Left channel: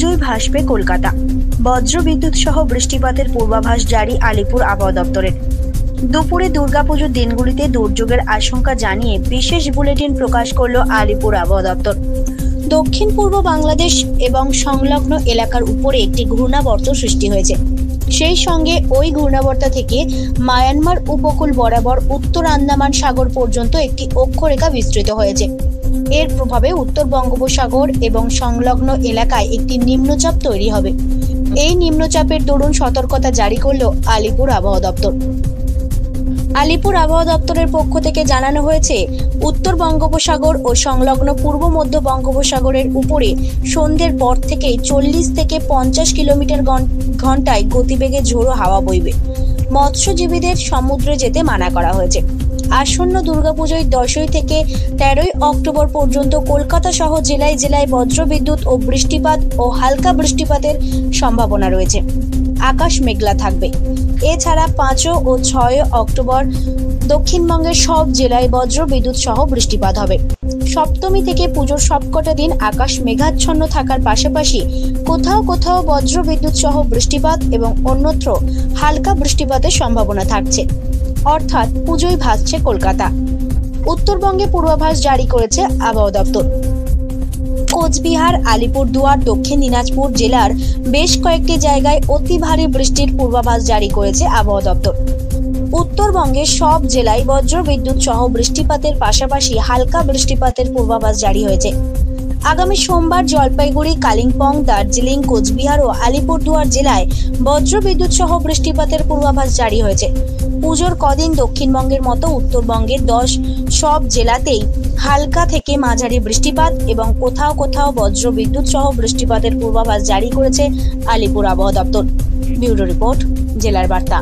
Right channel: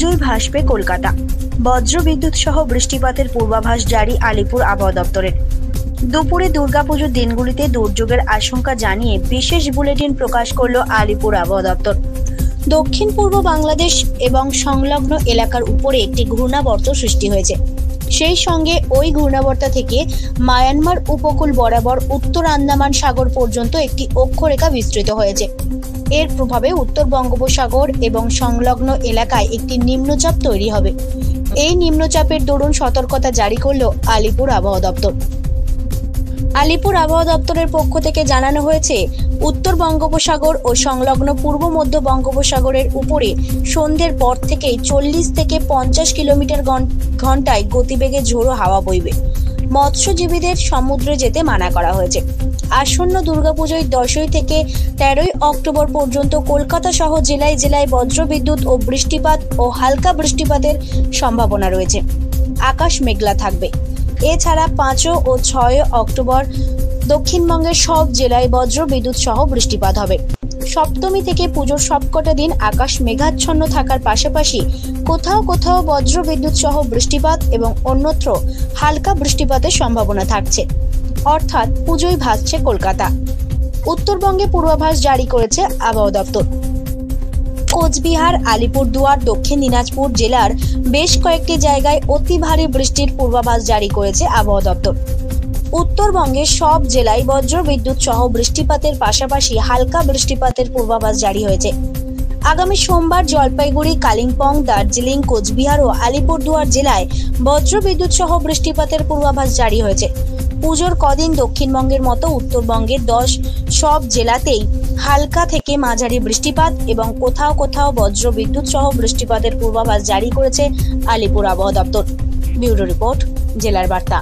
পুজোয় ভাসবে কলকাতা। বজ্রবিদ্যুৎ সহ বৃষ্টিপাতের পূর্বাভাস জারি আলিপুর আবহাওয়া দপ্তরের। দুপুরে দুর্গাপুজোর দিনগুলিতে দুর্যোগের আশঙ্কা জানিয়ে বিশেষ বুলেটিন প্রকাশ করল আলিপুর আবহাওয়া দপ্তর। দক্ষিণ পূর্ব বাংলাদেশ এবং সংলগ্ন এলাকার উপরে একটি ঘূর্ণাবর্ত সৃষ্টি হয়েছে। সেই সঙ্গে ওই ঘূর্ণাবর্ত থেকে মায়ানমার উপকূল বরাবর উত্তর আন্দামান সাগর পর্যন্ত একটি অক্ষরেখা বিস্তৃত হয়েছে। এর প্রভাবে উত্তর বঙ্গোপসাগর এবং সংলগ্ন এলাকায় একটি নিম্নচাপ তৈরি হবে। এই নিম্নচাপের দরুন সতর্কতা জারি করল আলিপুর আবহাওয়া দপ্তর। আলিপুর আবহাওয়া দপ্তরের পক্ষ থেকে জানানো হয়েছে, উত্তর বঙ্গোপসাগর ও সংলগ্ন পূর্ব মধ্য বঙ্গোপসাগরের উপরে সন্ধ্যের পর থেকেই 40 থেকে 50 কিলোমিটার ঘন্টায় গতিবেগে ঝোড়ো হাওয়া বইবে। মৎস্যজীবীদের সমুদ্রে যেতে মানা করা হয়েছে। আসন্ন দুর্গাপুজোয় 10 থেকে 13 অক্টোবর পর্যন্ত কলকাতা সহ জেলায় জেলায় বজ্রবিদ্যুৎ ও বৃষ্টিপাত ও হালকা বৃষ্টিপাতের সম্ভাবনা রয়েছে। আকাশ মেঘলা থাকবে। এছাড়া 5 ও 6 অক্টোবর দক্ষিণবঙ্গের সব জেলায় বজ্রবিদ্যুৎ সহ বৃষ্টিপাত হবে। সপ্তমী থেকে পুজোর সবকটা দিন আকাশ মেঘাচ্ছন্ন থাকার পাশাপাশি কোথাও কোথাও বজ্রবিদ্যুৎ সহ বৃষ্টিপাত এবং অন্যত্র হালকা বৃষ্টিপাতের সম্ভাবনা থাকছে। অর্থাৎ পুজোয় ভাসছে কলকাতা। উত্তরবঙ্গে পূর্বাভাস জারি করেছে আবহাওয়া দপ্তর। কোচবিহার, আলিপুরদুয়ার, দক্ষিণ দিনাজপুর জেলার বেশ কয়েকটি জায়গায় অতি ভারী বৃষ্টির পূর্বাভাস জারি করেছে আবহাওয়া দপ্তর। উত্তরবঙ্গের সব জেলায় বজ্রবিদ্যুৎ সহ বৃষ্টিপাতের পাশাপাশি হালকা বৃষ্টিপাতের পূর্বাভাস জারি হয়েছে। আগামী সোমবার জলপাইগুড়ি, কালিম্পং, দার্জিলিং, কোচবিহার ও আলিপুরদুয়ার জেলায় বজ্রবিদ্যুৎ সহ বৃষ্টিপাতের পূর্বাভাস জারি হয়েছে। পুজোর কদিন দক্ষিণবঙ্গের মতো উত্তরবঙ্গের সব জেলাতেই হালকা থেকে মাঝারি বৃষ্টিপাত এবং কোথাও কোথাও বজ্রবিদ্যুৎ সহ বৃষ্টিপাতের পূর্বাভাস জারি করেছে আলিপুর আবহাওয়া দপ্তর। ব্যুরো রিপোর্ট, জেলার বার্তা।